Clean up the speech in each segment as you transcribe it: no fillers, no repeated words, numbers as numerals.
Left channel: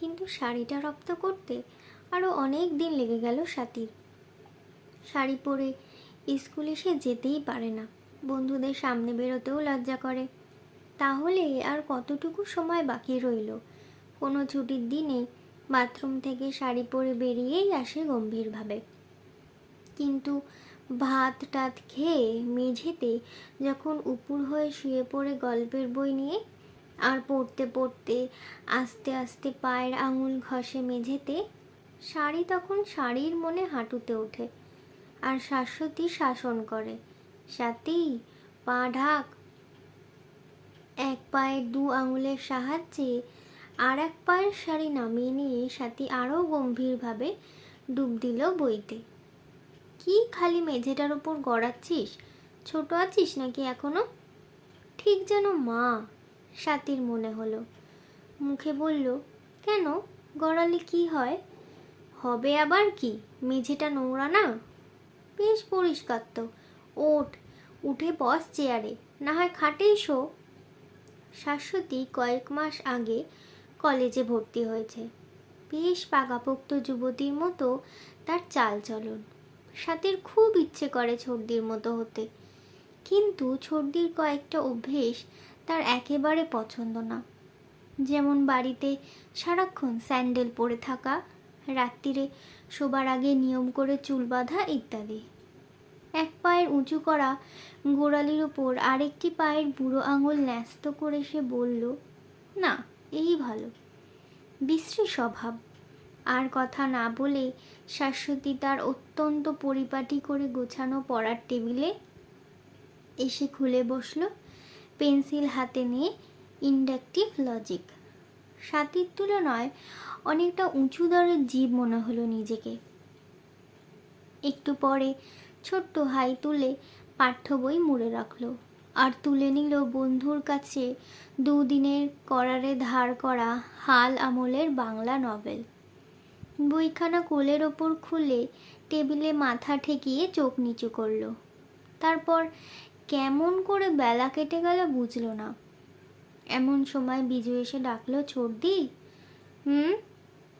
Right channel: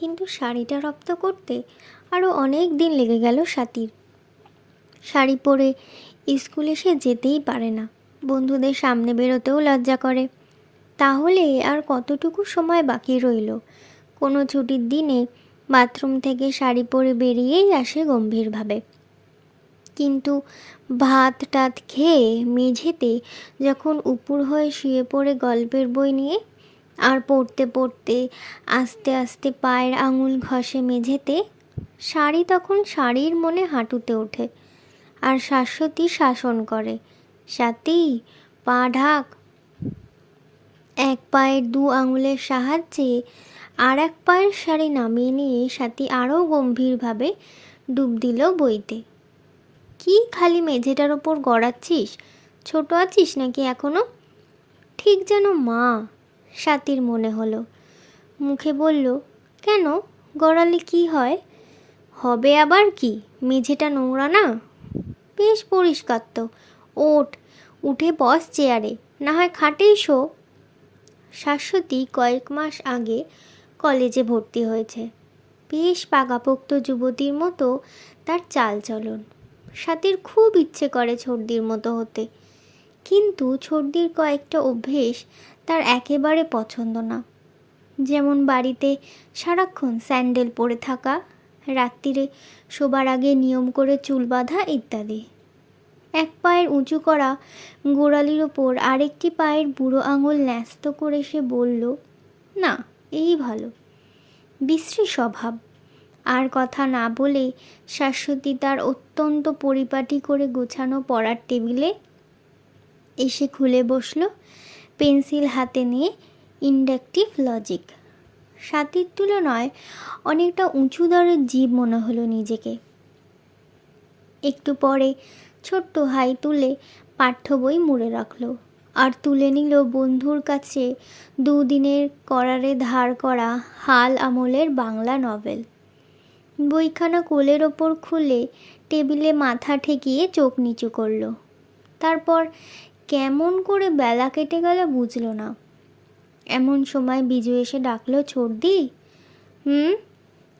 কিন্তু শাড়িটা রপ্ত করতে আরও অনেক দিন লেগে গেল স্বাতীর। শাড়ি পরে স্কুলে সে যেতেই পারে না, বন্ধুদের সামনে বেরোতেও লজ্জা করে। তাহলে আর কতটুকু সময় বাকি রইল? কোনো ছুটির দিনে বাথরুম থেকে শাড়ি পরে বেরিয়েই আসে গম্ভীরভাবে। কিন্তু ভাত টাত খেয়ে মেঝেতে যখন উপুর হয়ে শুয়ে পড়ে গল্পের বই নিয়ে, আর পড়তে পড়তে আস্তে আস্তে পায়ের আঙুল ঘষে মেঝেতে, শাড়ি তখন শাড়ির মনে হাঁটুতে ওঠে। আর শাশ্বতী শাসন করে, স্বাতী পা ঢাক। এক পায়ের দু আঙুলের সাহায্যে আর এক পায়ের শাড়ি নামিয়ে নিয়ে স্বাতী আরও গম্ভীরভাবে ডুব দিল বইতে। কি খালি মেঝেটার ওপর গড়াচ্ছিস? ছোট আছিস নাকি এখনো? ঠিক যেন মা, স্বাতীর মনে হলো। মুখে বলল, কেন, গড়ালে কি হয়? হবে আবার কি, মেঝেটা নোংরা না? বেশ পরিষ্কার তো। ওঠ, উঠে বস চেয়ারে, না হয় খাটেই শো। শাশ্বতী কয়েক মাস আগে কলেজে ভর্তি হয়েছে। বেশ পাকাপোক্ত যুবতীর মতো তার চালচলন। স্বাতীর খুব ইচ্ছে করে ছোটদির মতো হতে, কিন্তু ছোটদির কয়েকটা অভ্যেস তার একেবারে পছন্দ না। যেমন বাড়িতে সারাক্ষণ স্যান্ডেল পরে থাকা, রাত্রিরে শোবার আগে নিয়ম করে চুল বাঁধা ইত্যাদি। এক পায়ের উঁচু করা গোড়ালির ওপর আরেকটি পায়ের বুড়ো আঙুল ন্যস্ত করে সে বলল, না, এই ভালো। বিশ্রী স্বভাব। আর কথা না বলে শাশ্বতী তার অত্যন্ত পরিপাটি করে গোছানো পড়ার টেবিলে এসে খুলে বসল, পেন্সিল হাতে নিয়ে ইন্ডাকটিভ লজিক। স্বাতীর তুলনায় অনেকটা উঁচু দরের জীব মনে হলো নিজেকে। একটু পরে ছোট্ট হাই তুলে পাঠ্য বই মুড়ে রাখল, আর তুলে নিল বন্ধুর কাছে দুদিনের করারে ধার করা হাল আমলের বাংলা নভেল। বইখানা কোলের ওপর খুলে টেবিলে মাথা ঠেকিয়ে চোখ নিচু করল। তারপর কেমন করে বেলা কেটে গেল বুঝল না। এমন সময় বিজু এসে ডাকলো, ছোটদি।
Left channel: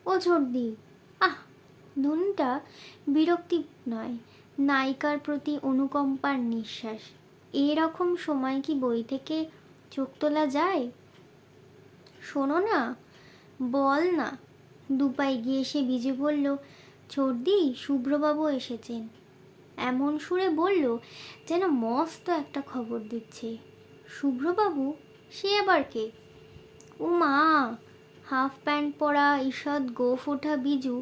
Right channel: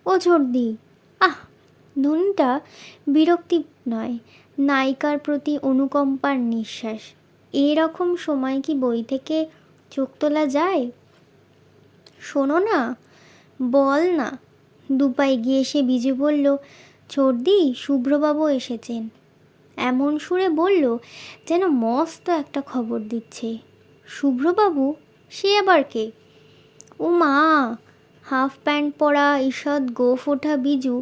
ও ছোটদি। আহ, ধুনটা বিরক্তি নয়, নায়িকার প্রতি অনুকম্পার নিঃশ্বাস। এরকম সময় কি বই থেকে চোখ তোলা যায়? শোনো না, বল না। দুপাই গিয়ে সে বিজু বলল, ছোটদি, শুভ্রবাবু এসেছেন। এমন সুরে বলল যেন মস্ত একটা খবর দিচ্ছে। শুভ্রবাবু? সে আবার কে? ও মা! হাফ প্যান্ট পরা ঈষৎ গোঁফ ওঠা বিজু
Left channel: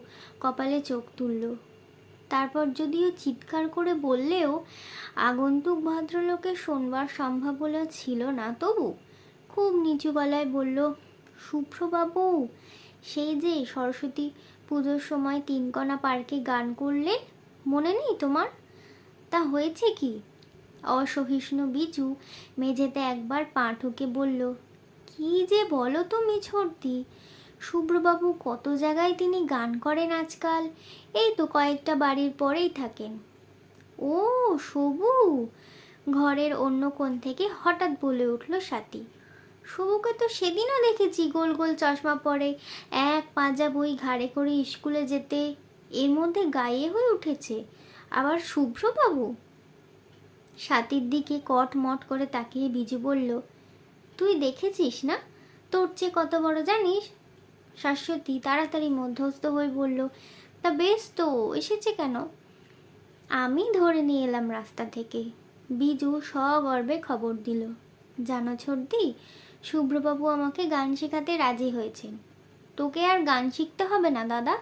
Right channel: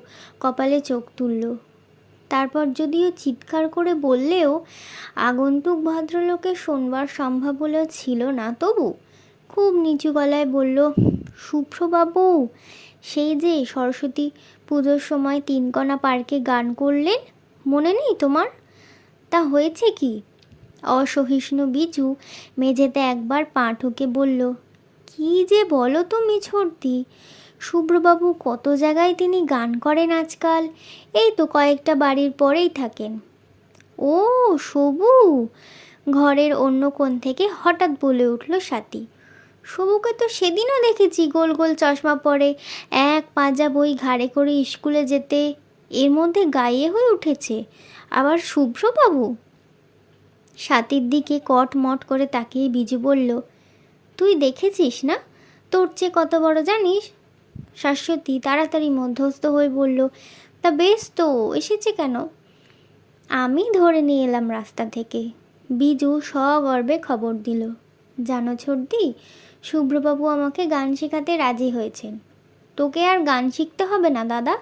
কপালে চোখ তুলল। তারপর যদিও চিৎকার করে বললেও আগন্তুক ভদ্রলোকের শোনবার সম্ভাবনা ছিল না, তবু খুব নিচু গলায় বলল, শুভ্রবাবু, সেই যে সরস্বতী পুজোর সময় তিনকণা পার্কে গান করলেন, মনে নেই তোমার? তা হয়েছে কি? অসহিষ্ণু বিজু মেঝেতে একবার পা ঠুকে বলল, কি যে বলো তুমি ছোটদি, শুভ্রবাবু কত জায়গায় তিনি গান করেন আজকাল, এই তো কয়েকটা বাড়ির পরেই থাকেন। ও সবু! ঘরের অন্য কোণ থেকে হঠাৎ বলে উঠল স্বাতী। সবুকে তো সেদিনও দেখেছি গোল গোল চশমা পরে এক পাঁজা বই ঘাড়ে করে স্কুলে যেতে, এর মধ্যে গায়ে হয়ে উঠেছে আবার শুভ্রবাবু। স্বাতীর দিকে কটমট করে তাকিয়ে বিজু বলল, তুই দেখেছিস না? তোর চেয়ে কত বড় জানিস? শাশ্বতী তাড়াতাড়ি মধ্যস্থ হয়ে বলল, তা বেশ তো, এসেছে কেন? আমি ধরে নিয়ে এলাম রাস্তা থেকে। বিজু সগর্বে খবর দিল, জানো ছোটদি, শুভ্রবাবু আমাকে গান শেখাতে রাজি হয়েছেন। তোকে আর গান শিখতে হবে না দাদা,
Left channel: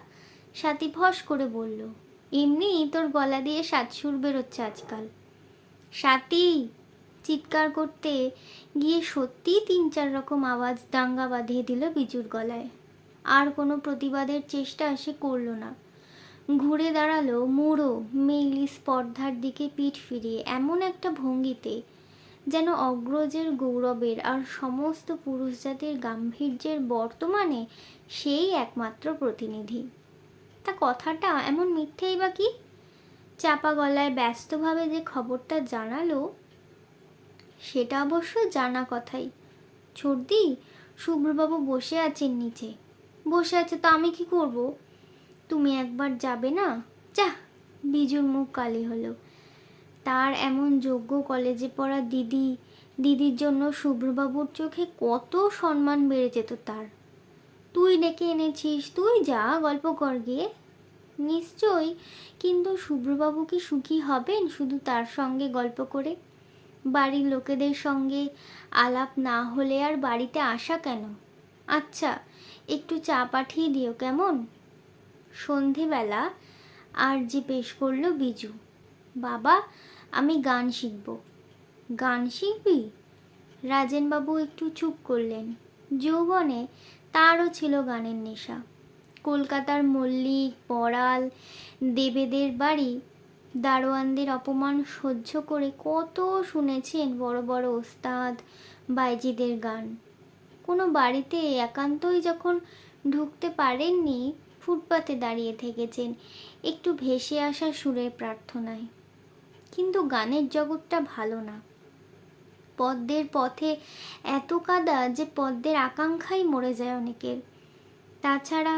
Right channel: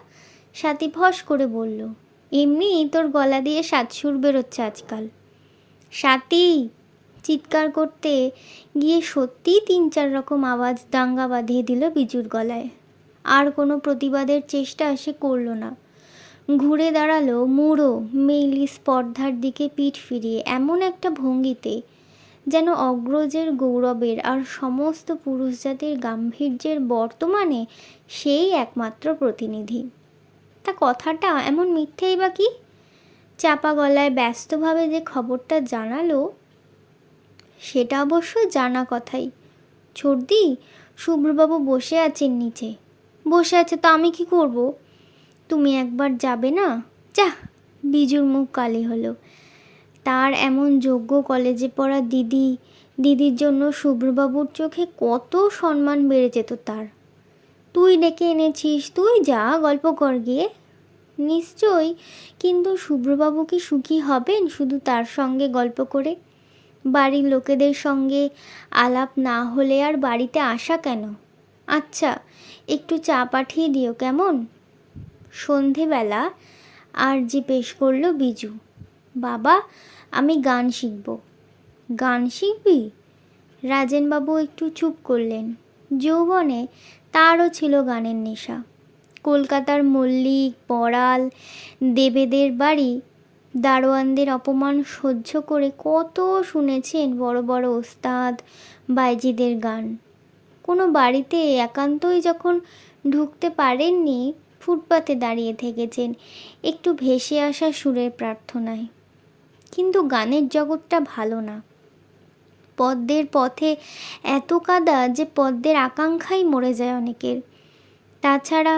স্বাতী ফস করে বলল। এমনি তোর গলা দিয়ে সাতসুর বেরোচ্ছে আজকাল। স্বাতী! চিৎকার করতে গিয়ে সত্যিই ৩-৪ রকম আওয়াজ দাঙ্গা বাঁধিয়ে দিল বিজুর গলায়। আর কোনো প্রতিবাদের চেষ্টা সে করল না। ঘুরে দাঁড়ালো মুড়ো মেইলি স্পর্ধার দিকে পিঠ ফিরিয়ে এমন একটা ভঙ্গিতে যেন অগ্রজের গৌরবের আর সমস্ত পুরুষ জাতির গাম্ভীর্যের বর্তমানে সেই একমাত্র প্রতিনিধি। তা কথাটা এমন মিথ্যেই বা কি? চাপা গলায় ব্যস্তভাবে যে খবরটা জানালো, সেটা অবশ্য জানা কথাই। ছোটদি, শুভ্রবাবু বসে আছেন নিচে। বসে আছে, তো আমি কি করব? তুমি একবার যাবে না? যা। বিজুর মুখ কালি হলো। তার এমন যোগ্য কলেজে পড়া দিদির জন্য শুভ্রবাবুর চোখে কত সম্মান বেড়ে যেত তার। তুই ডেকে এনেছিস, তুই যা, গল্প কর গিয়ে। নিশ্চয়ই, কিন্তু শুভ্রবাবু কি সুখী হবেন শুধু তার সঙ্গে গল্প করে? বাড়ির লোকেদের সঙ্গে আলাপ না হলে আর বাড়িতে আসা কেন? আচ্ছা, একটু চা পাঠিয়ে দিও কেমন? সন্ধেবেলা আর যে পেশ করলো বিজু। বাবা, আমি গান শিখব। গান শিখবি? রাজেনবাবু একটু চুপ করলেন। যৌবনে তারও ছিল গানের নেশা। কলকাতার মল্লিক, পড়াল, দেবেদের বাড়ি দারোয়ানদের অপমান সহ্য করে কত শুনেছেন বড় বড় ওস্তাদ বাইজিদের গান। কোনো বাড়িতে একান্তই যখন ঢুকতে পারেননি, ফুটপাতে দাঁড়িয়ে থেকেছেন একটু ভেসে আসা সুরের প্রার্থনায়। কিন্তু গানের জগৎটা ভালো না। পদ্মের পথে এত কাদা যে পদ্মের আকাঙ্ক্ষাই মরে যায় অনেকের। তাছাড়া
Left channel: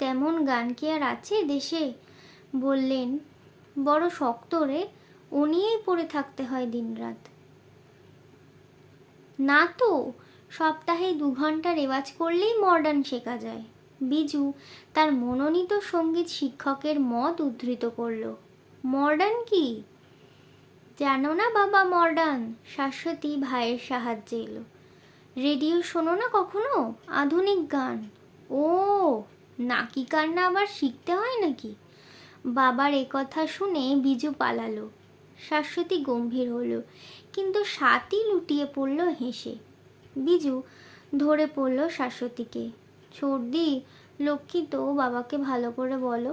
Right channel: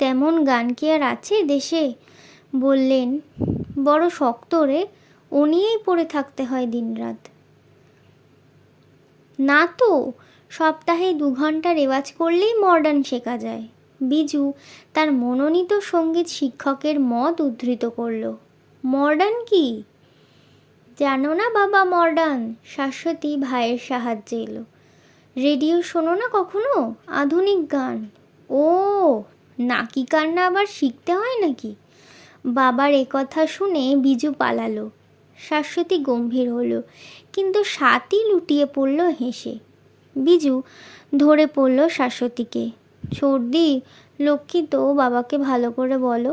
তেমন গান কি আর আছে দেশে? বললেন, বড় শক্ত রে, ও নিয়েই পড়ে থাকতে হয় দিনরাত। না তো, সপ্তাহে 2 ঘন্টা রেওয়াজ করলেই মডার্ন শেখা যায়। বিজু তার মনোনীত সঙ্গীত শিক্ষকের মত উদ্ধৃত করল। মডার্ন কি? জানো না বাবা মডার্ন? শাশ্বতী ভাইয়ের সাহায্যে এলো। রেডিও শোনো না কখনো? আধুনিক গান। ও, নাকি কান্না আবার শিখতে হয় নাকি? বাবার কথা শুনে বিজু পালালো। শাশ্বতী গম্ভীর হলো, কিন্তু স্বাতী লুটিয়ে পড়ল হেসে। বিজু ধরে পড়ল শাশ্বতীকে। সর্দি, লক্ষ্মী তো, বাবাকে ভালো করে বলো।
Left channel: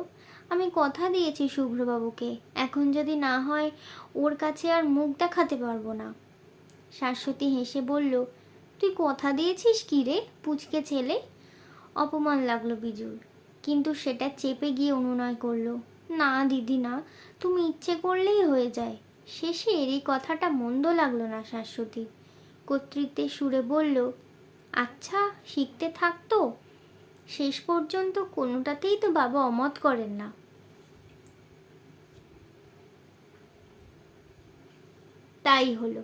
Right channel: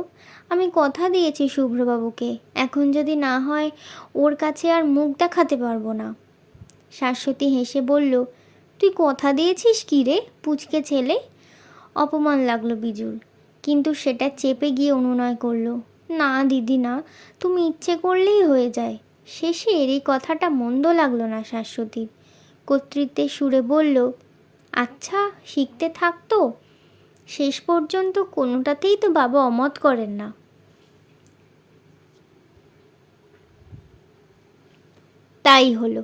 আমি কথা দিয়েছি শুভ্রবাবুকে, এখন যদি না হয় ওর কাছে আর মুখ দেখাতে পারবো না। শাশ্বতী হেসে বলল, তুই কথা দিয়েছিস কি রে, পুচকে ছেলে? অপমান লাগলো বিজুর, কিন্তু সেটা চেপে গিয়ে অনুনয় করলো, না দিদি না, তুমি ইচ্ছে করলেই হয়ে যায়। শেষে এই কথাটা মন্দ লাগলো না শাশ্বতীর। কর্তৃত্বের সুরে বলল, আচ্ছা শিখতে থাকতো। শেষ পর্যন্ত কোনোটাতেই তো বাবা অমত করেন না। তাই হলো।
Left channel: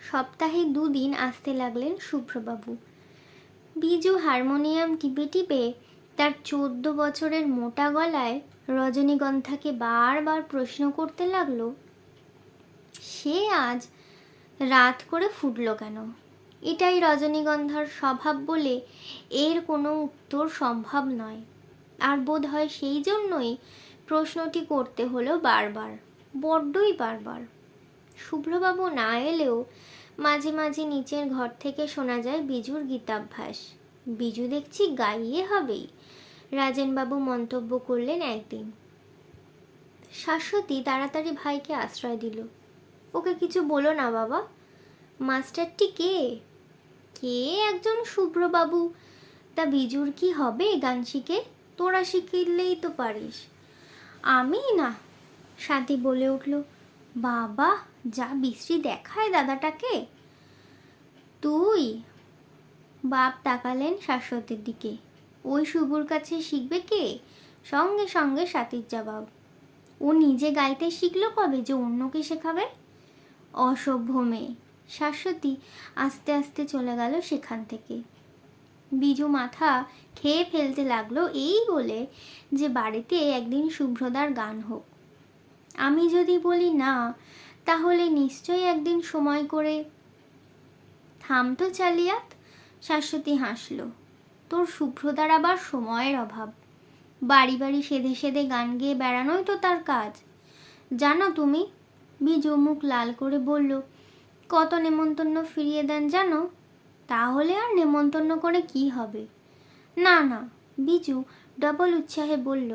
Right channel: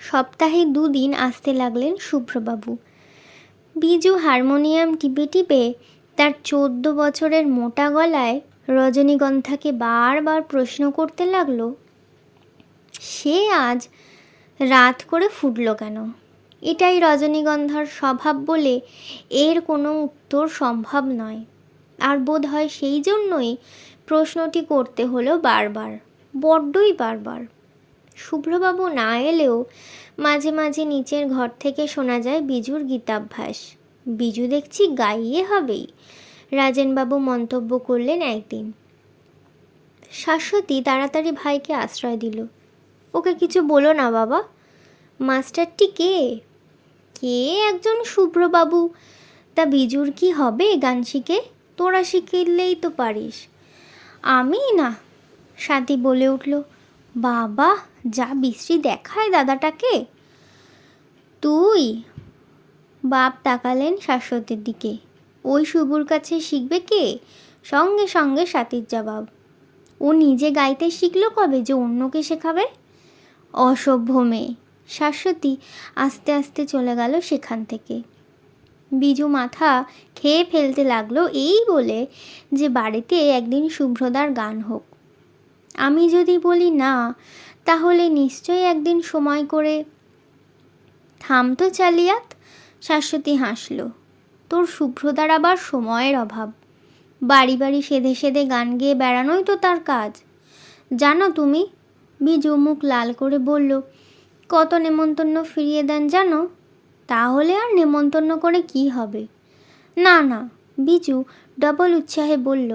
সপ্তাহে 2 দিন আসতে লাগলেন শুভ্রবাবু। বিজু হারমোনিয়াম টিপে টিপে তার 14 বছরের মোটা গলায় রজনীগন্ধাকে বারবার প্রশ্ন করতে লাগলো, সে আজ রাত করে ফুটল কেন? এটাই রজনীগন্ধার স্বভাব বলে এর কোনো উত্তর সম্ভব নয়। আর বোধ হয় সেই জন্যই প্রশ্নটি করতে হলো বারবার, বড্ডই বারবার। শুভ্রবাবু না এলেও মাঝে মাঝে নিচের ঘর থেকে শোনা যায় বিজুর গীতাভ্যাস। বিজু দেখছি গাইয়ে হবেই, রাজেনবাবু মন্তব্য করলেন একদিন। শাশ্বতী তাড়াতাড়ি ভাইকে আশ্রয় দিল। ওকে কিছু বলো না বাবা। মাস্টারটি কে? কে একজন শুভ্রবাবু। তা বিজুর কি হবে গান শিখে? তোরা শিখলেই তো পারিস। আমি না, স্বাতী বলে উঠল। বাবা, যা বিশ্রী দেখায় দাদাটাকে। তুই? বাপ তাকালেন শাশ্বতীর দিকে। ওই শুভুর কাছে শিখবে কে? সঙ্গে সঙ্গে স্বাতীর জবাব, ও নিজে গাইতে শিখলো কবে যে অন্যকে শেখাবে? অসভ্য মেয়ে। শাশ্বতী আস্তে আস্তে চলে গেল সেখান থেকে। বিজু মাথা খেয়ে ফেলতে লাগলো এই বলে যে বাড়িতে একদিন শুভ্রদার গান হোক। আমি যদি বলি না, তাহলে নিশ্চয়ই একদিন সময় করে। থামতো চালিয়াত। শাশ্বতী হাসল। তোর শুভ্রদার আবার সময়ের অভাব। বাড়ি বাড়ি সেধে সেধে গান গেয়ে বেড়ানোই তো তার কাজ। জানো তুমি? বিজু মুখ লাল করে বলল, কত নেমন্তন্ন ফিরিয়ে দেন জানো? তাহলে আর নেমন্তন্ন করে কি হবে? না না, বিজু ডবল উৎসাহে বলল,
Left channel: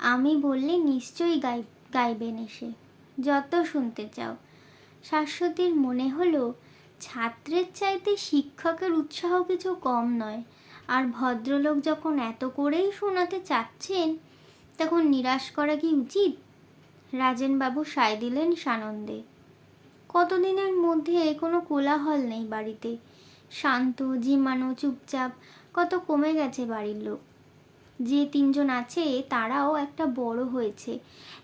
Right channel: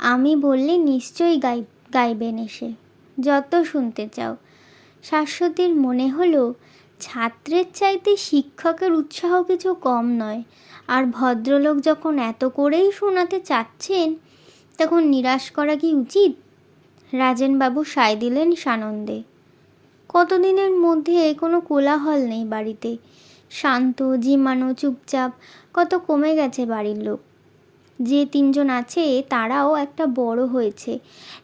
আমি বললে নিশ্চয়ই গাইবেন এসে, যত শুনতে চাও। শাশ্বতীর মনে হলো ছাত্রের চাইতে শিক্ষকের উৎসাহ কিছু কম নয়, আর ভদ্রলোক যখন এত করেই শোনাতে চাচ্ছেন তখন নিরাশ করা কি উচিত? রাজেনবাবু সায় দিলেন সানন্দে। কতদিনের মধ্যে কোনো কোলাহল নেই বাড়িতে। শান্ত, জিমানো, চুপচাপ। কত কমে গেছে বাড়ির লোক। যে তিনজন আছে তারাও একটা বড় হয়েছে,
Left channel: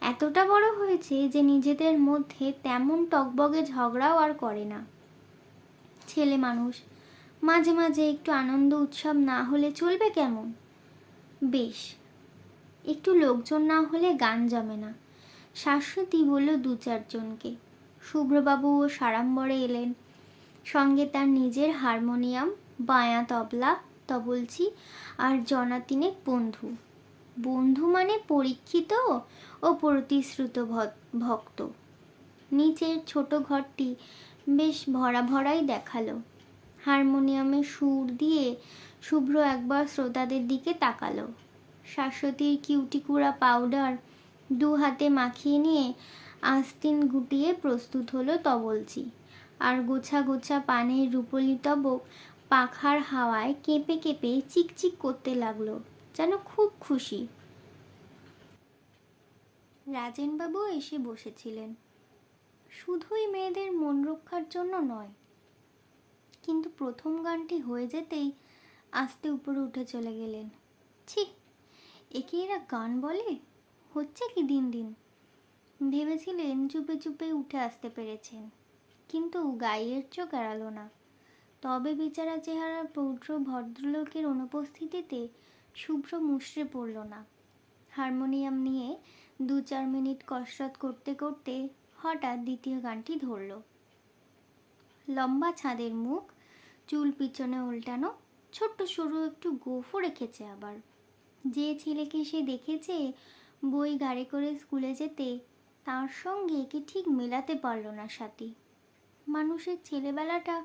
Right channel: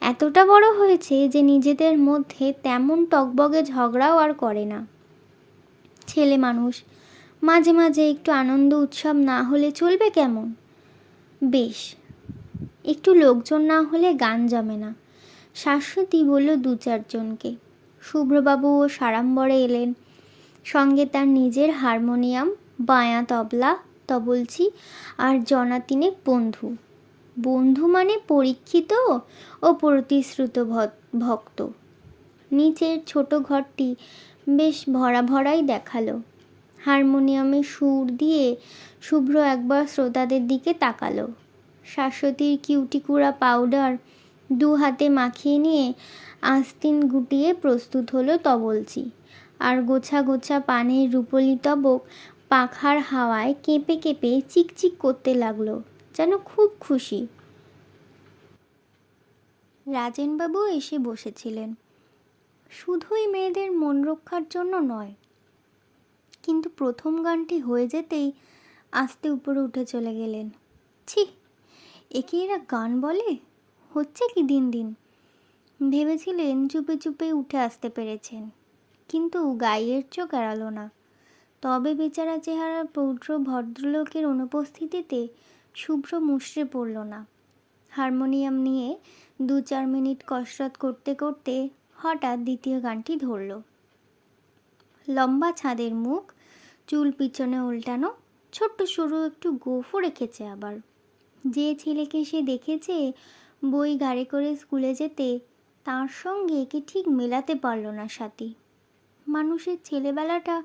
এতটা বড় হয়েছে যে নিজেদের মধ্যে তেমন টগবগে ঝগড়াও আর করে না। ছেলে মানুষ, মাঝে মাঝে একটু আনন্দ উৎসব না হলে চলবে কেমন? বেশ, একটু লোকজন না হলে গান জমে না, শাশ্বতী বলল দু চারজনকে। শুভ্রবাবু ও সাড়ম্বরে এলেন, সঙ্গে তার নিজের হারমোনিয়াম, বায়া তবলা, তবলচি আর জনা তিনেক বন্ধু। বন্ধু মানে পরীক্ষিত ও প্রতিশ্রুত ভক্ত। নিচের ছোট ঘরটি বেশ ভরা ভরাই দেখালো। হারমোনিয়ামে সুর দিয়ে শুভ্র একবার শ্রোতাদের দিকে তাকালো। শাশ্বতীর কিউটিকুড়া পাউডার দু হাতে মাখিয়ে নিয়ে আস্তিন গুটিয়ে প্রস্তুত হলো তবলচি, আর গোছা গোছা পানের রূপলি তবক পাখার হাওয়ায় কেঁপে কেঁপে চিকচিক করতে লাগলো, যেন খুব খুশি। রাজেনবাবু এসে বসেছিলেন, শুধুই মেয়েদের মন রক্ষার জন্য নয়, কিন্তু প্রথম গানটি হয়ে যেতেই আস্তে উপরে উঠে চলে গেলেন। ছি, একে এরা গান বলে? হচ্ছে কি দিন দিন? ভেবেছিলেন চুপে চুপে উঠে আসতে পেরেছেন, কিন্তু গাইয়ের চোখ এড়ালো না। তবে বেচারা চেহারার পৌত্র ভদ্রলোকের অনুপস্থিতিতে শুভ্র মুষড়ে পড়ল না। হারমোনিয়াম নিয়ে 2-4 মিনিট কসরত করতে করতে হঠাৎ দ্বিতীয় গানটি ধরল। লম্বা ছাদের মুখ, চুল পিছনে উল্টানো, ছোট্ট সরু একটু গোঁফও রেখেছে আবার। যে ছেলেকে সে দেখেছে বই গাড়ি করে স্কুলে যেতে, তার সঙ্গে একে ঠিক মেলাতে পারল না স্বাতী। মানুষের ছেলেবেলাটা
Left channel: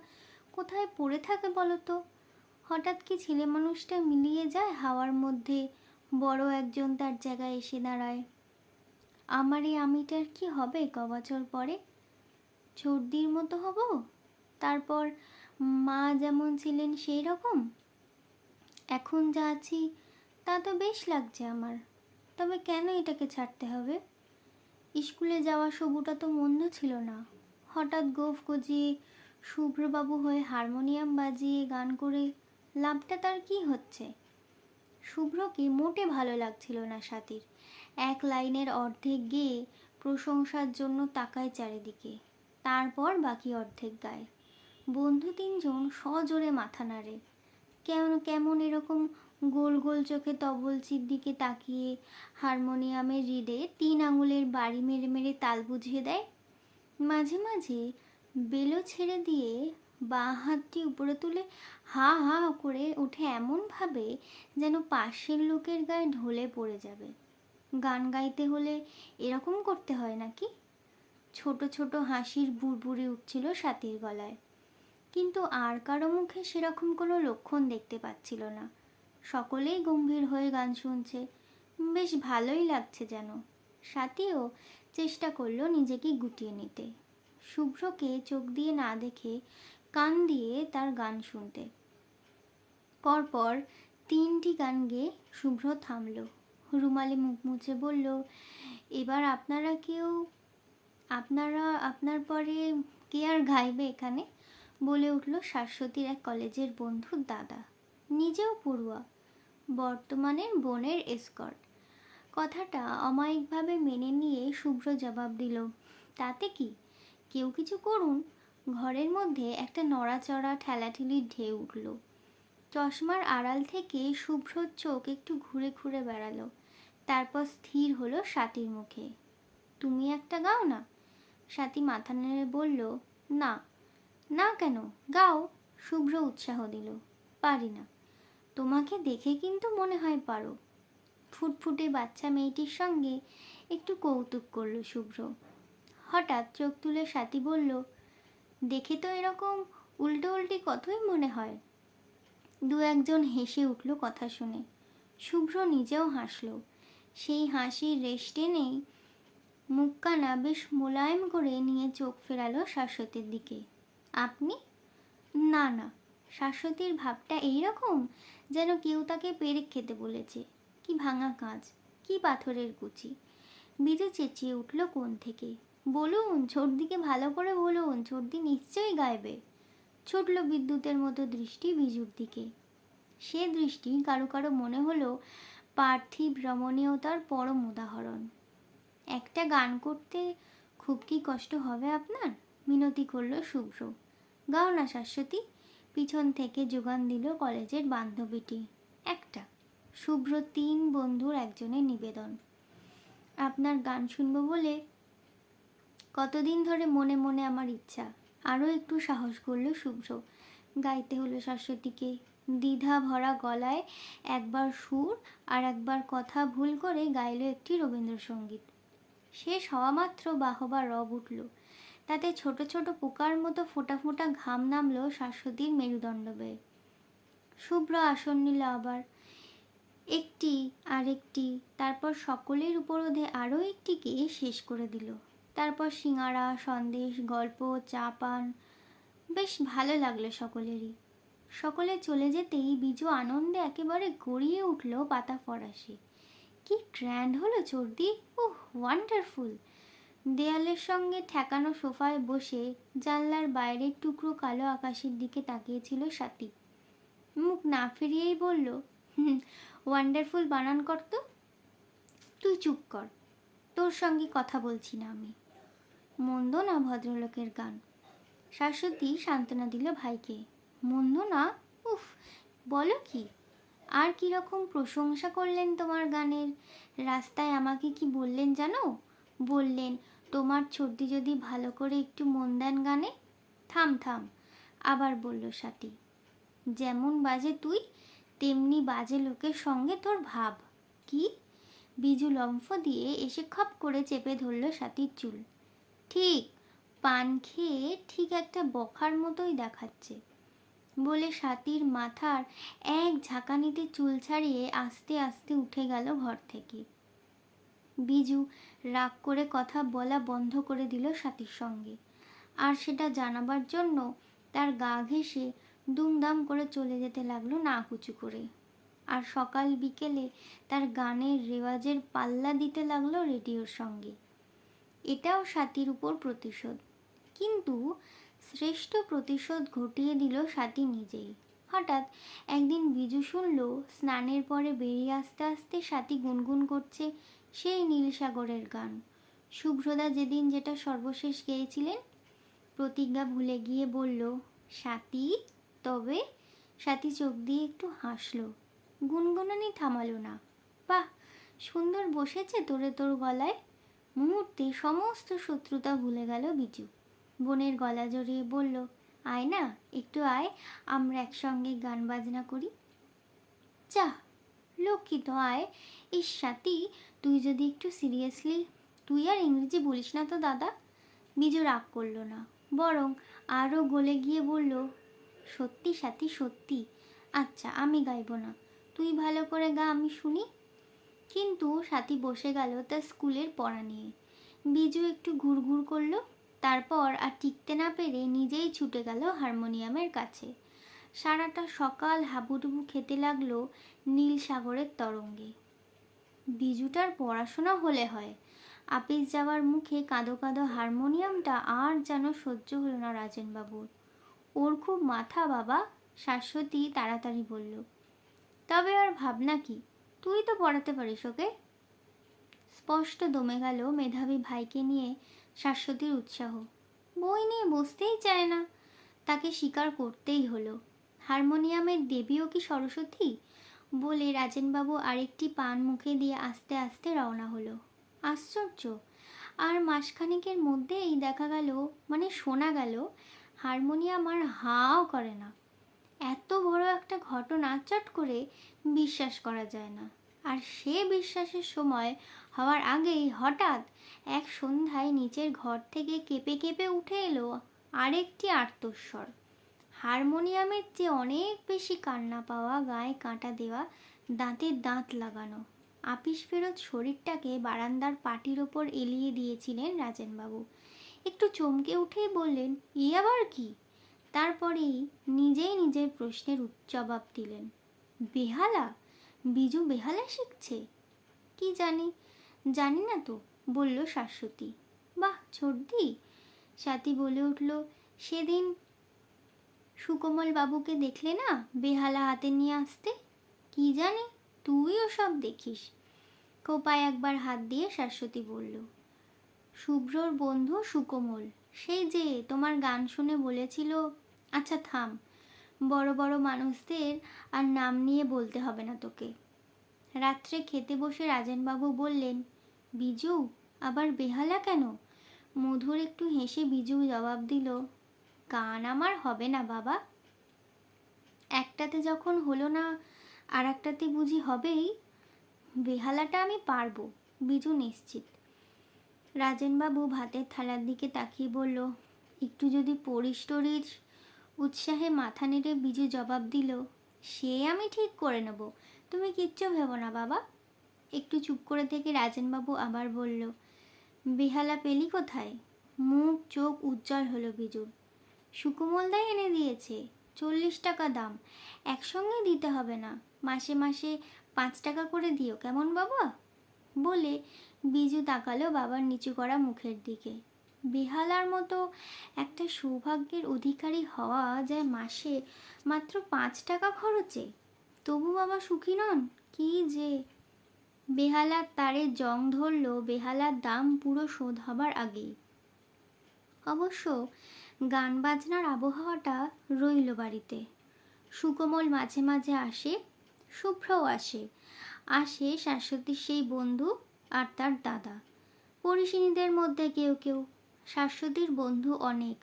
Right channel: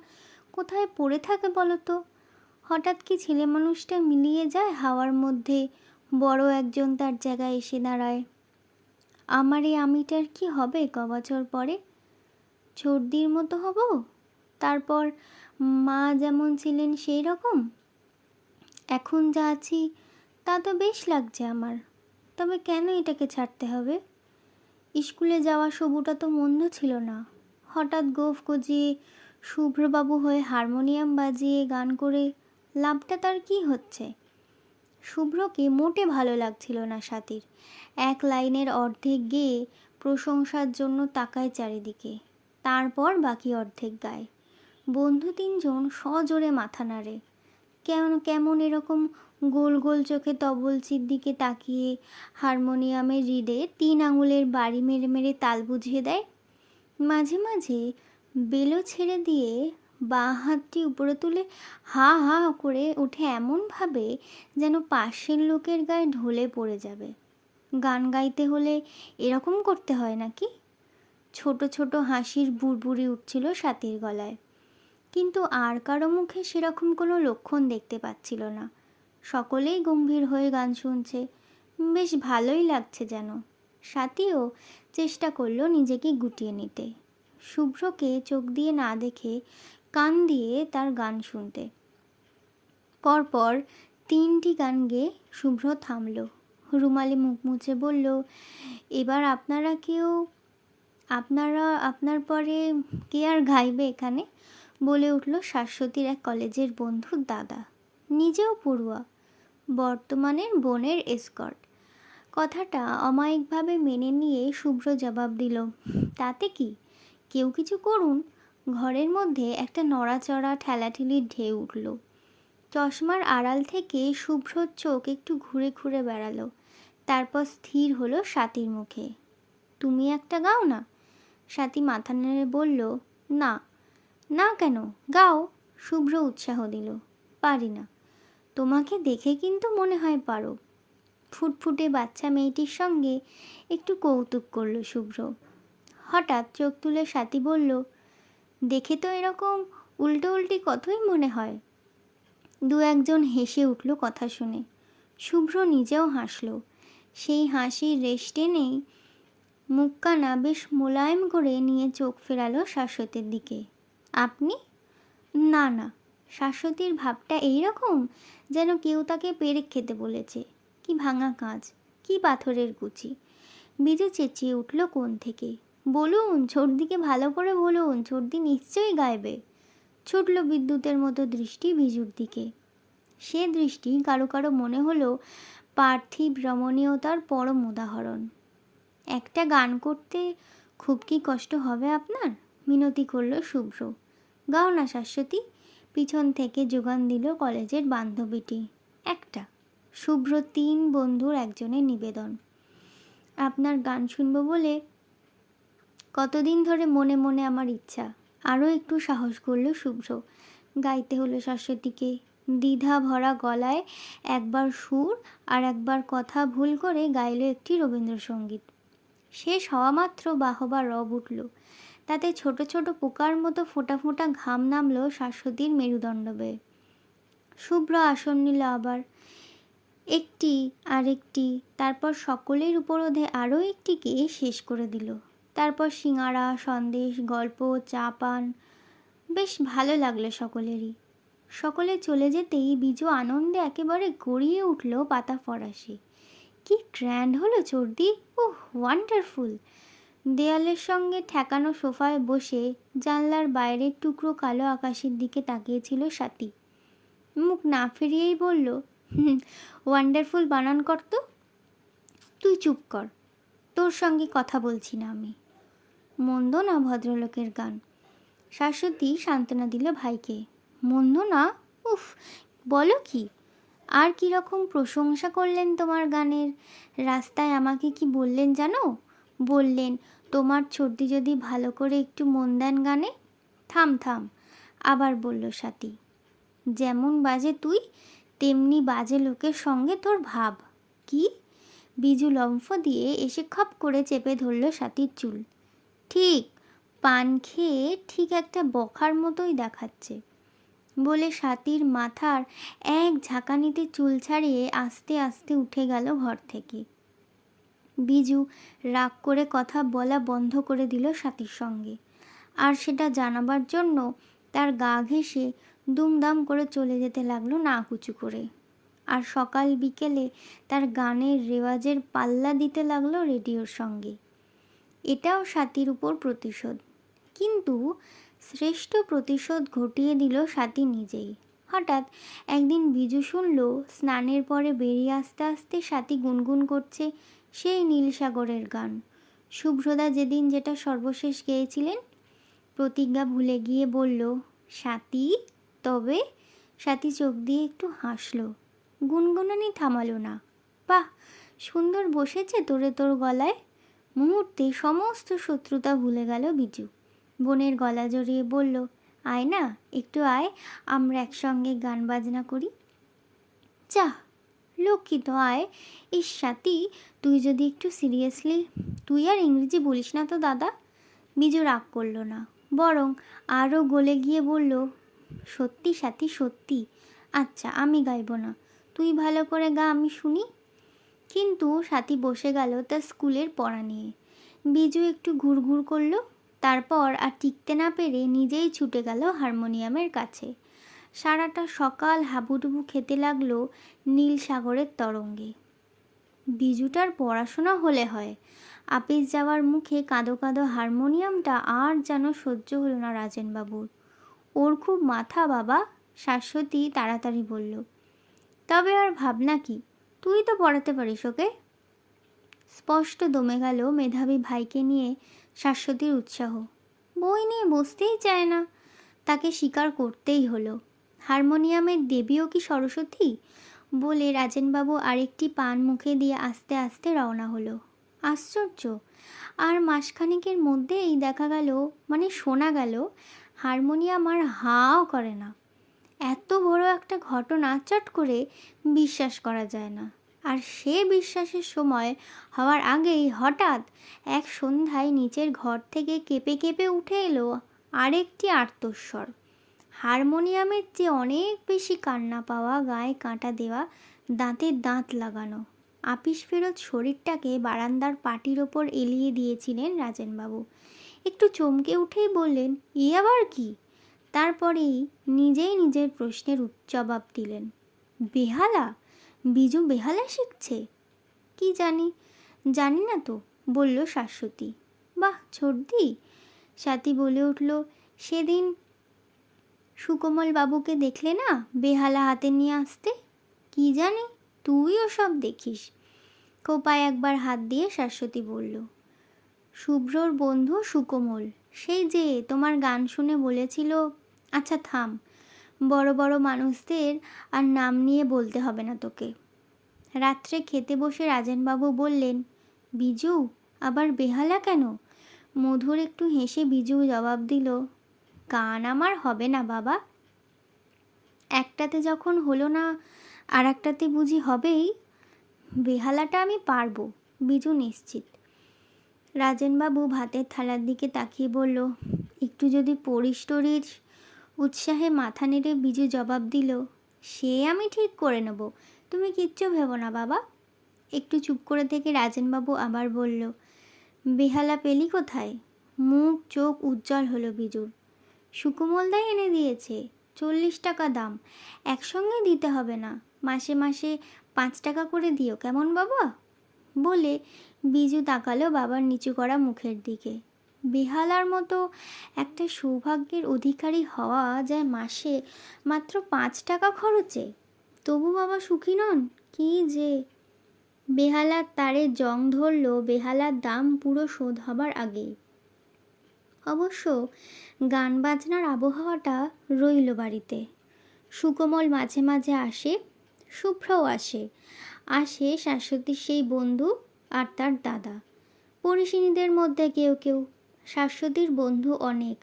কোথায় পড়ে থাকে বলো তো? হঠাৎ কি ছেলে মানুষটা মিলিয়ে যায় হাওয়ার মধ্যে, বড় একজন তার জায়গায় এসে দাঁড়ায়। আমার এই আমিটার কি হবে কবছর পরে? ছর্দির মতো হব? তারপর মা যেমন ছিলেন সেই রকম? এখন যা আছি তা তো বেশ লাগছে আমার, তবে কেন এটাকে ছাড়তে হবে? স্কুলে যাওয়া সবুটা তো মন্দ ছিল না। হঠাৎ গোঁফ গজিয়ে শুভ্রবাবু হয়ে হারমোনিয়াম বাজিয়ে গান করে লাভটা তার কি হচ্ছে? শুভ্রকে মোটে ভালো লাগছিল না স্বাতীর। এক লাইনের অর্ধেক গেয়ে প্রশংসার জন্য তাকায় চারিদিকে, তারপর বাকি অর্ধেক গায়। বন্ধু তিনজন সজোরে মাথা নাড়ে। কেমন কেমন এরকম গোল গোল চোখে তবলচির দিকে তাকিয়ে হারমোনিয়ামের রিডে 3 আঙুলের বাড়ি মেরে মেরে তাল বুঝিয়ে দেয়। মাঝে মাঝে বেলো ছেড়ে দিয়ে বাঁ হাতটি উপরে তুলে হা হা করে ওঠে এমনভাবে যেন পাশের লোকের গায়ে ঢলে পড়ে যাবে। গান গাইতে হলে এরকম করতে হয় নাকি? ছোট ছোট হাসির বুড়বুড়ি উঠছিল স্বাতীর গলায়, কিন্তু আর কারো মুখে সেরকম কোনো লক্ষণ দেখতে পাচ্ছিল না। সকলেই গম্ভীর হয়ে গান শুনছে, বেশ ভালোই লাগছে যেন। স্বাতীও চেষ্টা করলো নিজেকে গুটিয়ে নিতে, শুভ্রকে চোখ দিয়ে না দেখে কান দিয়ে তার গান শুনতে। পরপর 3টি গান গেয়ে শুভ্র থামল, রুমালে মুখ মুছে বলল, এবার আপনার পরে কে আর গাইবে এখানে? বলে উঠল শাশ্বতীর এক কলেজের বন্ধুর দাদা, নিজেও পড়ুয়া, বর্তমানের বোনের এসকর্ট। কথাটা অমায়িকভাবে মেনে নিয়ে শুভ্র জবাব দিল, তাতে কি, কেউ কিছু করুন। ঘরের মধ্যে একটা নড়াচড়া ঠেলাঠেলির ঢেউ উঠল। চশমার আড়াল থেকে শুভ্রর চোখ একটু ঘুরে ঘুরে বেড়ালো, তারপর স্থির হলো স্বাতীর মুখে। তুমি একটা গাও না? স্বাতী মাথা নেড়ে বলল, না। না কেন? গাও। শুভ্র উৎসাহ দিল, পারি না। তোমাকে দেখে কিন্তু মনে হয় পারো। ফুটফুটে বাচ্চা মেয়েটির সঙ্গে একটু কৌতুক করল শুভ্র। হঠাৎ চোখ তুলে স্বাতী বলল, দেখে তো এরকম উল্টো উল্টি কথাই মনে হয়। 2-1 হেসে উঠল কথা শুনে। শুভ্র নিজেও হাসল। সেই হাসির রেশ টেনেই মুখখানা বেশ মোলায়েম করে নিয়ে চোখ ফেরালো শাশ্বতীর দিকে। আপনি? না না। শাশ্বতীর ভাবটা এইরকম যেন কেউ তাকে পেরেক খেতে বলেছে। কি ভাঙা কাঁচ, কি পাথরের কুচি। বিজু চেঁচিয়ে উঠল কোণ থেকে, বলুন ছোটদিকে ভালো করে বলুন, ছোটদি নিশ্চয়ই গাইবে। ছুটল বিদ্যুতের মতো দৃষ্টি বিজুর দিকে। সে দৃষ্টি কারো কারো মনে হলো পার্থিব রমণীয়তার পরম উদাহরণ। একটা গান করতে খুব কি কষ্ট হবে আপনার? মিনতি করল শুভ্র। গাও না শাশ্বতী, পিছন থেকে যোগান দিল কলেজের বান্ধবীটি। একটা। শুভ্র 3 বন্ধুর একজনের নিবেদন। আপনার গান শুনবো বলে কতদিন ধরে মনে মনে আমার ইচ্ছা। আরও একটু সাহস করল শুভ্র। গাইতে হলো শাশ্বতীকে। দ্বিধা ভরা গলায় একবার সুর আর একবার কথা ভুল করে গাইল একটি রবীন্দ্রসঙ্গীত। শেষ হওয়া মাত্র বাহবা রব উঠল। তাতে ছোট ছোট পোকার মতো ফোঁটা ফোঁটা ঘাম নামল শাশ্বতীর মেরুদণ্ড বেয়ে। শুভ্র আসন নিল আবার, একটি আর একটি, তারপর সকলের উপরোধে আরও একটিকে শেষ করে দিল। তারপর সিঙাড়া, সন্দেশ, গল্প, চা পান। বেশ ভালো লাগলো সকলেরই। সকলে চলে যেতেই বিজু আনন্দে একেবারে গড়িয়ে উঠল পাতা ফরাসি। কি গ্র্যান্ড হলো চর্দি! ওহ, ওয়ান্ডারফুল! দেয়ালের সঙ্গে ঠেকানো সোফায় বসে জানলার বাইরের টুকরো কালো আকাশের দিকে তাকিয়েছিল স্বাতী। মুখ না ফিরিয়েই বলল, ওয়ান্ডারফুল বানান কর তো। তুই চুপ কর, তোর সঙ্গে কথা বলছি না আমি। মন্দ না ভদ্রলোকের গান। শাশ্বতী সান্ত্বনা দিল ভাইকে। মন্দ না? উফ, বলো কি! আর কীরকম প্রশংসা করলেন তোমার গানের। রাস্তায় আমাকে কি বললেন জানো? বললেন, তোমার ছোটদি যদি ভালো করে একটু মন দেন গানে। থাম থাম, আবার বলল স্বাতী, যেমন বাজে তুই তেমনি বাজে লোকের সঙ্গে তোর ভাব। কি? বিজু লম্ফ দিয়ে এসে খপ করে চেপে ধরল স্বাতীর চুল। ঠিক, পান খেয়ে ঠিক একটা বখার মতোই দেখাচ্ছে, বলে স্বাতীর মাথার এক ঝাঁকানিতে চুল ছাড়িয়ে আস্তে আস্তে উঠে গেল ঘর থেকে। বিজু রাগ করে কথা বলা বন্ধ করে দিল স্বাতীর সঙ্গে, আর সেটা জানাবার জন্য তার গা ঘেঁষে দুমদাম করে চলে যেতে লাগলো না কুচু করে। আর সকাল বিকেলে তার গানের রেওয়াজের পাল্লা দিতে লাগলো রেডিওর সঙ্গে। এটাও স্বাতীর উপর প্রতিশোধ, কিন্তু শ্রেষ্ঠ প্রতিশোধ ঘটিয়ে দিল স্বাতী নিজেই। হঠাৎ একদিন বিজু শুনল স্নানের পরে বেরিয়ে আসতে আসতে স্বাতী গুনগুন করছে সেই নীলসাগরের গান। শুভ্রদা যেদিন যেটা সর্বশেষ গেয়েছিলেন। প্রতিজ্ঞা ভুলে গিয়ে বলল, স্বাতী তবে। স্বাতী চোখ দিয়ে একটু হাসল, গুনগুনানি থামালো না। বাহ, সুন্দর বসেছে তোরে তোর গলায়। মুহূর্তে সমস্ত শত্রুতা ভুলে গেল বিজু। বোনের গলা জড়িয়ে বলল, আয় না, একটু আয়, আমরা একসঙ্গে গান বাজনা করি। যা, লক্ষ্মী তো আয়। ইস স্বাতী, তুই যদি একটু সিরিয়াসলি। তুই আর ইংরেজি বলিস না তো দাদা। বিজু রাগ করল না, বরং আরও গলে গিয়ে বলল, সত্যি স্বাতী সত্যি। আচ্ছা, আমি গাইব না, তুই ভালো করে গা, আমি শুনি। কিন্তু স্বাতী বসে গেল তার স্কুলের পড়া নিয়ে। বিজু একটু ঘুরঘুর করল, তারপর আর টিকতে না পেরে নিজেই ছুটে গেল হারমোনিয়ামের কাছে। সারাটা সকাল হাবুডুবু খেতে লাগলো নীল সাগরের তরঙ্গে। বিজুটার পড়াশোনা হলে হয়, আপিস যাওয়ার মুখে কাঁদো কাঁদো হারমোনিয়ামটা আর যেন সহ্য হলো না রাজেনবাবুর। ওর খুব মাথা বাবা, শাশ্বতী তাড়াতাড়ি বলল। তবে আর ভাবনা কি, তুই তো পড়াতে পারিস ওকে। স্পষ্ট দমে গেল মেধাবী ভাইকে নিয়ে শাশ্বতীর উৎসাহ। বই নিয়ে বসতেই চায় না, তাকে স্বীকার করতেই হলো। হারমোনিয়ামের দেবীও কি সরস্বতী? বলে রাজেনবাবু আরেকটি পান মুখে দিয়ে আস্তে আস্তে রওনা হলো। আশ্চর্য, আর মাসখানেকের মধ্যেই দেখা গেল, মানে শোনা গেল, হারমোনিয়াম আর হাও করে না। এত বড় একটা ঘটনা চট করে বিশ্বাস করা যায় না। আর সে বিশ্বাসের সময় হওয়ার আগেই হঠাৎ এক সন্ধ্যায় নিচের ঘর থেকে কেঁপে কেঁপে উঠে এলো আরেকটি আর্তস্বর। হারমোনিয়ামের চেয়ে অনেক বেশি কান্না পাওয়া, গায়ে কাঁটা দেওয়া, দাঁতে দাঁত লাগানো। আপিস ফেরত শরীরটাকে বারান্দার পাটির ওপর এলিয়ে দিয়েছিলেন রাজেনবাবু। একটু চমকে উঠেই বললেন, এ আবার কি? তারপরেই নিজেই নিজের প্রশ্নের জবাব দিলেন, বেহালা? বিজু বেহালা শিখছে? কি জানি, জানি না তো, বলল শাশ্বতী। বাহ ছোটদি, স্বাতী বলে উঠল, সেদিন সুকোমল বাবুকে দেখলে না বেহালা হাতে নিয়ে আসতে? কি জানি, তুইও সব দেখিস। খোঁপায় একবার হাত দিয়ে শাশ্বতী বলল। শুভ্রর বন্ধু সুকোমল, সেই যে তোমার গান শুনে বলেছিল। আচ্ছা থাম, বড় বড় মানুষদের আর নাম নিয়ে বলতে হবে না তোকে। রাত্রে খেতে বসে রাজেনবাবু বললেন, বিজু আবার বেহালা কেন? মধুর একটু হেসে বিজু জবাব দিল, গান আমার হবে না বাবা। একটাতে যখন হলো না, আর একটাতে বুঝি হবেই। বেহালাটা আমি পারবো, বিজু নিশ্চিত। রাজেনবাবু ভাতের থালার দিকে তাকিয়ে বলল, একটু যদি পড়িস টরিস। উৎসাহে মাথা নেড়ে বিজু জবাব দিল, সে আমি ঠিক করে নেব, তুমি কিচ্ছু ভেবো না বাবা। একটু চুপ করে থেকে রাজেনবাবু আবার বলল, বেহালা পেলি কোথায়? মুখ চোখ উজ্জ্বল হলো বিজুর। সুকুমলদাই এনে দিয়েছে, 40 টাকা দাম, একসঙ্গে দিতে হবে না, মাসে মাসে 5 টাকা করে দিও কেমন বাবা? বলে বিজু তাকালো বাবার নিচু করা মুখের দিকে। বেহালার মতো একটা সৌভাগ্যের অধিকারী হওয়া যায় মাসে মাত্র 5 টাকা খরচে। তবু বাবা সুখী নন? কি যে! বেহালার তারে জং ধরল বেহালার দাম পুরো শোধ হবার আগেই। অবশ্য গান বাজনার আবহাওয়াটা রইল বাড়িতে। সুকোমল মাঝে মাঝে আসে, শুভ্রও আসে। আসে শাশ্বতীর সেই বন্ধু আর তার দাদা। পরিচিনীদের মধ্যে কেউ কেউ। শাশ্বতীর বন্ধু অনেক,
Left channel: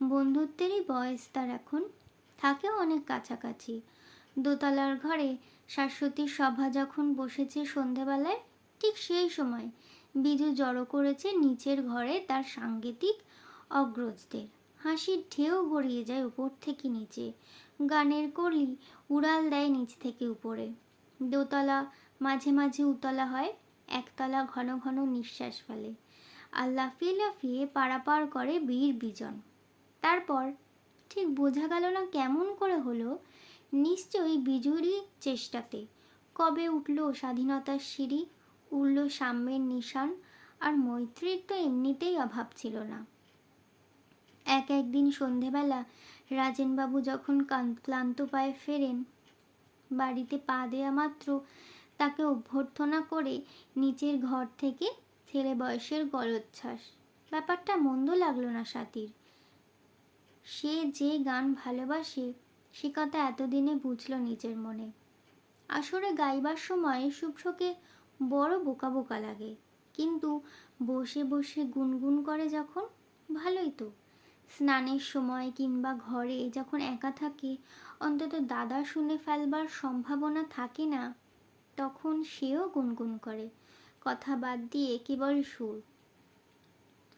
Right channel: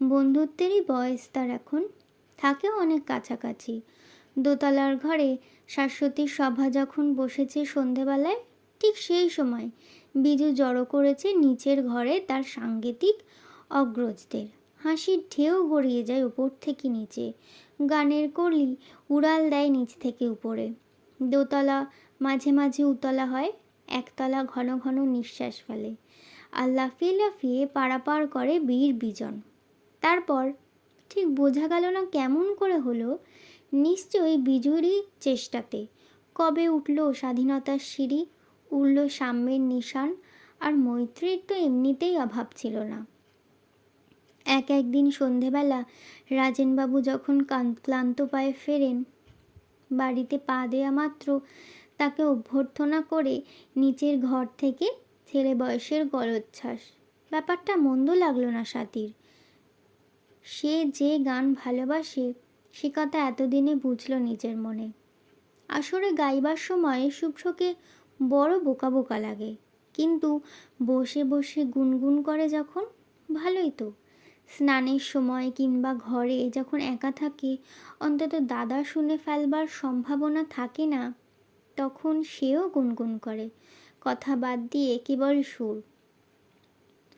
বন্ধুত্বেরই বয়স তার এখন, থাকেও অনেক কাছাকাছি। দোতলার ঘরে শাশ্বতীর সভা যখন বসেছে সন্ধেবেলায়, ঠিক সেই সময় বিজু জড়ো করেছে নিচের ঘরে তার সাঙ্গীতিক অগ্রজদের। হাসির ঢেউ গড়িয়ে যায় উপর থেকে নিচে, গানের কলি উড়াল দেয় নিচ থেকে উপরে। দোতলা মাঝে মাঝে উতলা হয়, একতলা ঘন ঘন নিঃশ্বাস ফেলে, আর লাফিয়ে লাফিয়ে পারাপার করে বীর বিজন। তারপর ঠিক বোঝা গেল না কেমন করে হলো, নিশ্চয়ই বিজুরই চেষ্টাতে কবে উঠল স্বাধীনতার সিঁড়ি, উড়ল সাম্যের নিশান, আর মৈত্রীর তো এমনিতেই অভাব ছিল না। একদিন সন্ধেবেলা রাজেনবাবু যখন ক্লান্ত পায়ে ফেরেন, বাড়িতে পা দেওয়া মাত্র তাকে অভ্যর্থনা করে নিচের ঘর থেকে ছেলে বয়সের গলোচ্ছ্বাস। ব্যাপারটা মন্দ লাগলো না স্বাতীর। সে যে গান ভালোবাসে সে কথা এতদিনে বুঝল নিজের মনে। আসরে গাইবার সময় শুভ্রকে বড় বোকা বোকা লাগে, কিন্তু বসে বসে গুনগুন করে যখন, ভালোই তো। স্নানের সময় কিংবা ঘরে যখন একা থাকে, অন্তত দাদা শুনে ফেলবার সম্ভাবনা থাকে না, তখন সেও গুনগুন করে, কথা বাদ দিয়ে কেবল সুর।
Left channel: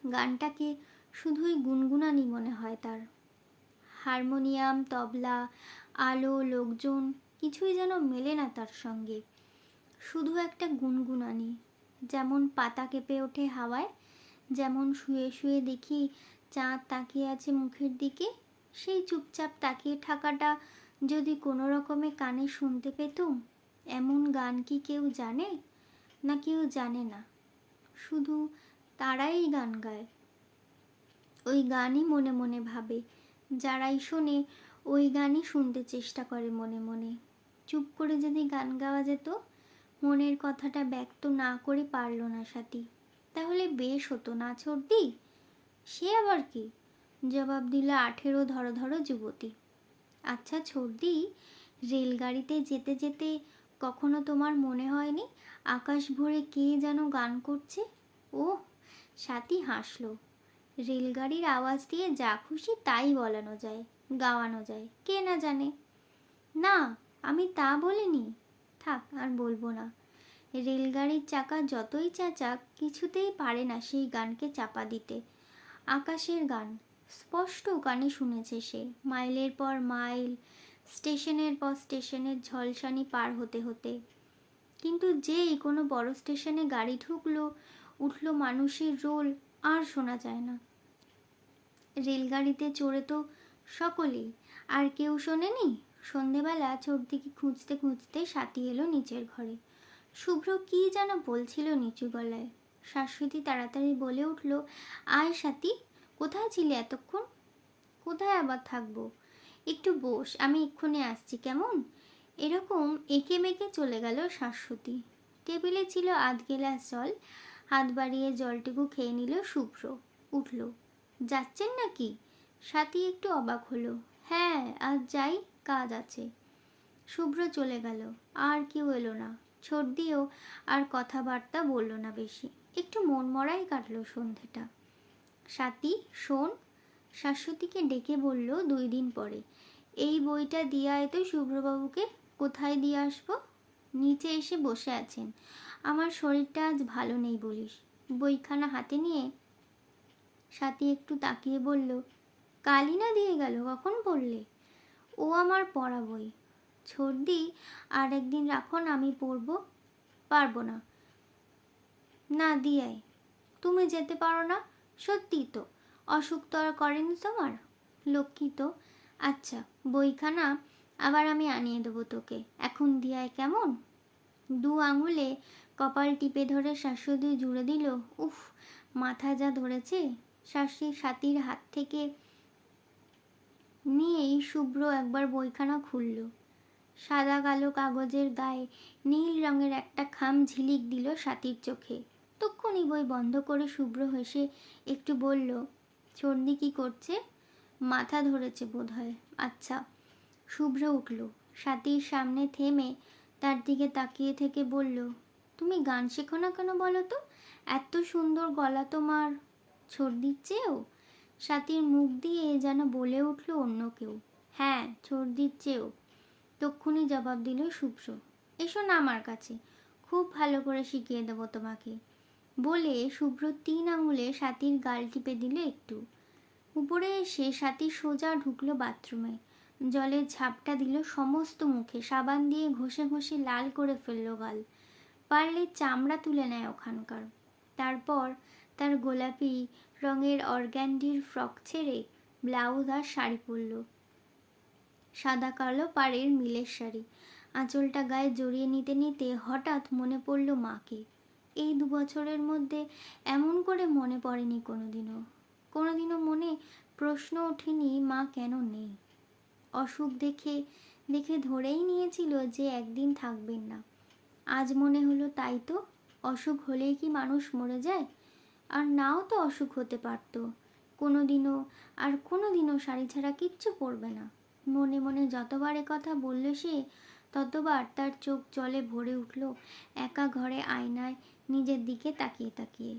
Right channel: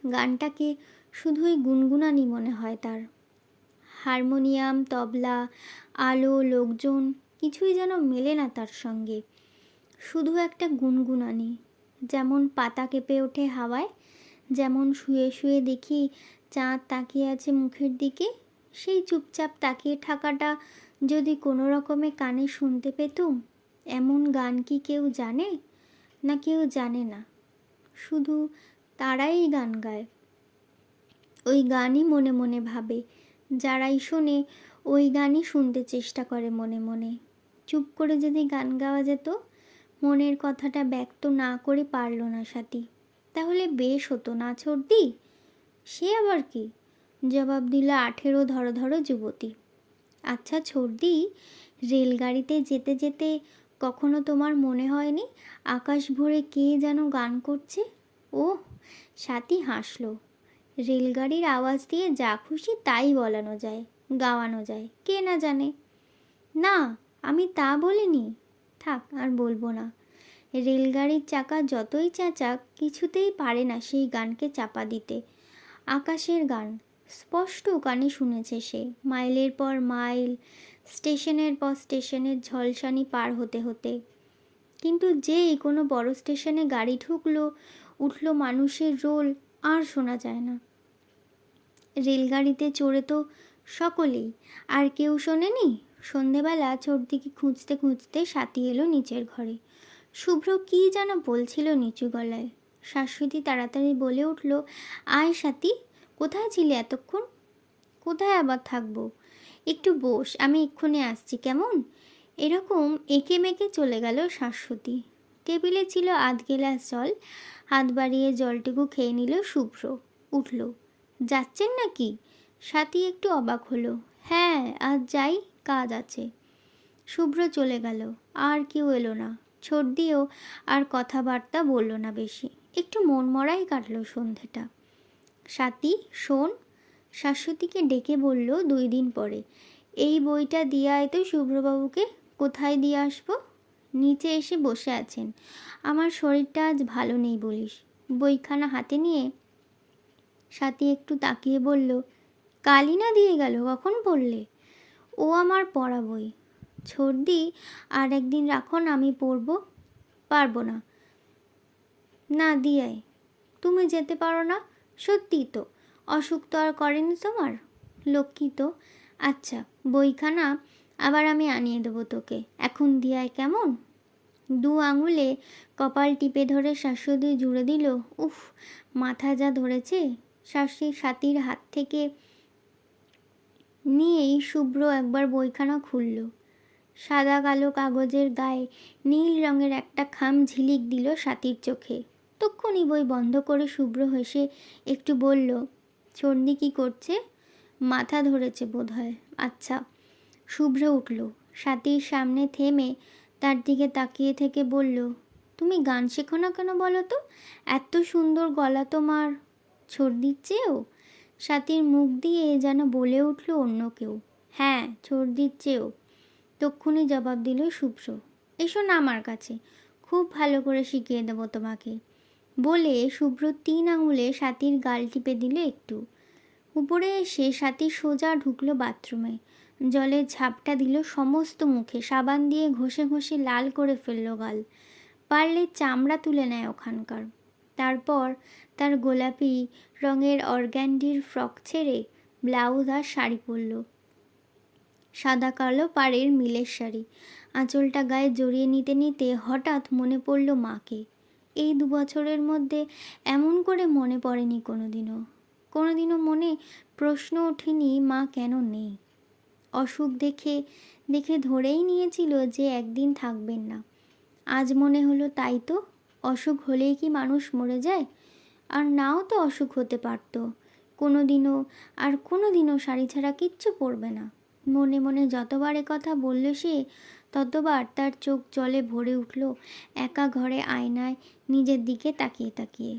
গানটাকে শুধুই গুনগুনানি মনে হয় তার। হারমোনিয়াম, তবলা, আলো, লোকজন কিছুই যেন মেলে না তার সঙ্গে, শুধু একটা গুনগুনানি। যেমন পাতা কেঁপে ওঠে হাওয়ায়, যেমন শুয়ে শুয়ে দেখি চাঁদ তাকিয়ে আছে মুখের দিকে, সেই চুপচাপ তাকিয়ে থাকাটা যদি কোনো রকমে কানে শুনতে পেতুম। এমন গান কি কেউ জানে? না কেউ জানে না, শুধু তারাই গান গায়। ওই গানই মনে মনে ভাবে, যারাই শোনে ওই গানই শুনতে চেষ্টা করে মনে মনে। চুপ করে যদি গান গাওয়া যেত, মনের কথাটা ব্যক্ত না করে পারল না স্বাতী, তাহলে বেশ হতো না ছোটদি? সে আবার কি? জবাব দিল 18 ধরো ধরো যুবতী। আচ্ছা ছোটদি, রেলগাড়িতে যেতে যেতে কখনো তোমার মনে হয়নি আকাশ ভরে কে যেন গান করছে? ওহ, স্বাতী হাসল। রেলগাড়ির আওয়াজ দিয়ে যা খুশি তাই বলানো যায়, গাওয়ানো যায়, কে না জানে। না, আমি তা বলিনি। থাক, আর বলবো না। রেলগাড়ির চাকা যতই চেঁচাক কিছুতেই পারে না সেই গানকে চাপা দিতে। আকাশের গান স্পষ্ট কানে শুনেছে সে, মাইলের পর মাইল, স্টেশনের পর স্টেশনের ঝলসানি পার হতে হতে। কিন্তু যেই কোনো বড় স্টেশনে গাড়ি ঢুকলো, উঠল মানুষের রোল, আর শোনা যায় না। রেলগাড়িতে চড়ে তো সকলেই, আর কেউ শোনেনি। সন্ধেবেলা ছোটদিকে খুঁজতে খুঁজতে স্বাতী এলো নিচের ঘরে। শুভ্র কী যেন বলছিল নিচু গলায়। শাশ্বতী তাড়াতাড়ি বলে উঠল, আয় স্বাতী, কোথায় ছিলে এতক্ষণ? কোথায় আবার থাকবো, একটু বস, আমি এক্ষুনি আসছি কেমন। এরকম এঁকে মেঁকে চলে গেল শাশ্বতী। টেবিলে ছিল আধ গেলাস জল। হাত বাড়িয়ে জলটুকু খেয়ে নিল শুভ্র। উঠল। যাচ্ছেন নাকি? সাথী একটু অবাক হলো। হ্যাঁ, আজ যাই, কাজ আছে। শুভ্র চলে গেল। আর কেউ এলো না। ছর্দিও আর কথাবার্তা বলল না বেশি। একটু মনমরাই কাটল সন্ধেটা। সাথী শোন, শাশ্বতীকে ডেকে বলল 2 দিন পরে। এই বইটা দিয়ে আয় তো শুভ্রবাবুকে। কোথায় দিয়ে আসবো? নিচে এসে বসে আছেন। আমার শরীরটা আজ ভালো নেই বলিস। বইখানা হাতে নিয়ে সাথী একটু তাকিয়ে বলল, কালই না দিয়ে গেল, কখন পড়লে? ও আমার পড়া বই। ছর্দি, আর একদিন রাখুন, আমি পড়ব। পারবো না। না দিয়ে আয়। তুমি যেতে পারো না? সত্যি তো? অসুখ তো আর করেনি তোমার? লক্ষ্মী তো। আচ্ছা, বইখানা আবার আমি আনিয়ে দেবো তোকে। এখন দিয়ে আয় কেমন? 2 আঙুলে কপাল টিপে ধরে শাশ্বতী জুড়ে দিল। উফ, মাথা যা ধরেছে। সাথীর হাত থেকে নিয়েই শুভ্র একবার বইখানা খুলল। সাদা কালো কাগজের গায়ে নীল রঙের একটা খাম ঝিলিক দিল সাথীর চোখে। তক্ষুনি বই বন্ধ করে শুভ্র হেসে একটু বলল, ছর্দি কি করছে? মাথা ধরেছে বোধহয়। আচ্ছা। শুভ্র উঠল। সাথীর সামনে থেমে তার দিকে তাকিয়ে থেকে বলল, তুমি গান শেখো না কেন বলো তো? এত সুন্দর গলা তোমার। ছর্দির চেয়েও? সাথীর মুখ দিয়ে যেন বলে উঠল অন্য কেউ। হ্যাঁ, ছর্দির চেয়েও। তক্ষুনি জবাব দিল শুভ্র। এসো না আমার কাছে, খুব ভালো করে শিখিয়ে দেবো তোমাকে। বলে শুভ্র 3 আঙুলে সাথীর গাল টিপে দিল একটু। উপরে এসে সাথী সোজা ঢুকলো বাথরুমে। জলের ঝাপটা দিল সমস্ত মুখে। সাবান দিয়ে ঘষে ঘষে লাল করে ফেলল গাল। পারলে চামড়া তুলে নেয় ওখানকার। তারপর তার গোলাপি রঙের অর্গ্যান্ডির ফ্রক ছেড়ে ব্লাউজ আর শাড়ি পরল। সাদা কালো পাড়ের মিলের শাড়ি। আঁচলটা গায়ে জড়িয়ে নিতে নিতে হঠাৎ মনে পড়ল মাকে। এই 2 বছরের মধ্যে এমন করে মনে পড়েনি কোনোদিনও। কোনোদিনও মনে প্রশ্ন ওঠেনি মা কেন নেই। অসুখ দেখে দেখে ধরেই নিয়েছিল যে একদিন থাকবেন না। আজ মনে হলো তাই তো। অসুখ হলেই কি মানুষ মরে যায়? আর নাও তো অসুখ হতে পারত। কোনোদিনও শাড়ি ছাড়া কিচ্ছু পরবে না। মনে মনে যতবার কথা বলল সে, ততবার তার চোখ জলে ভরে উঠল একা ঘরে আয়নায় নিজের দিকে তাকিয়ে তাকিয়ে।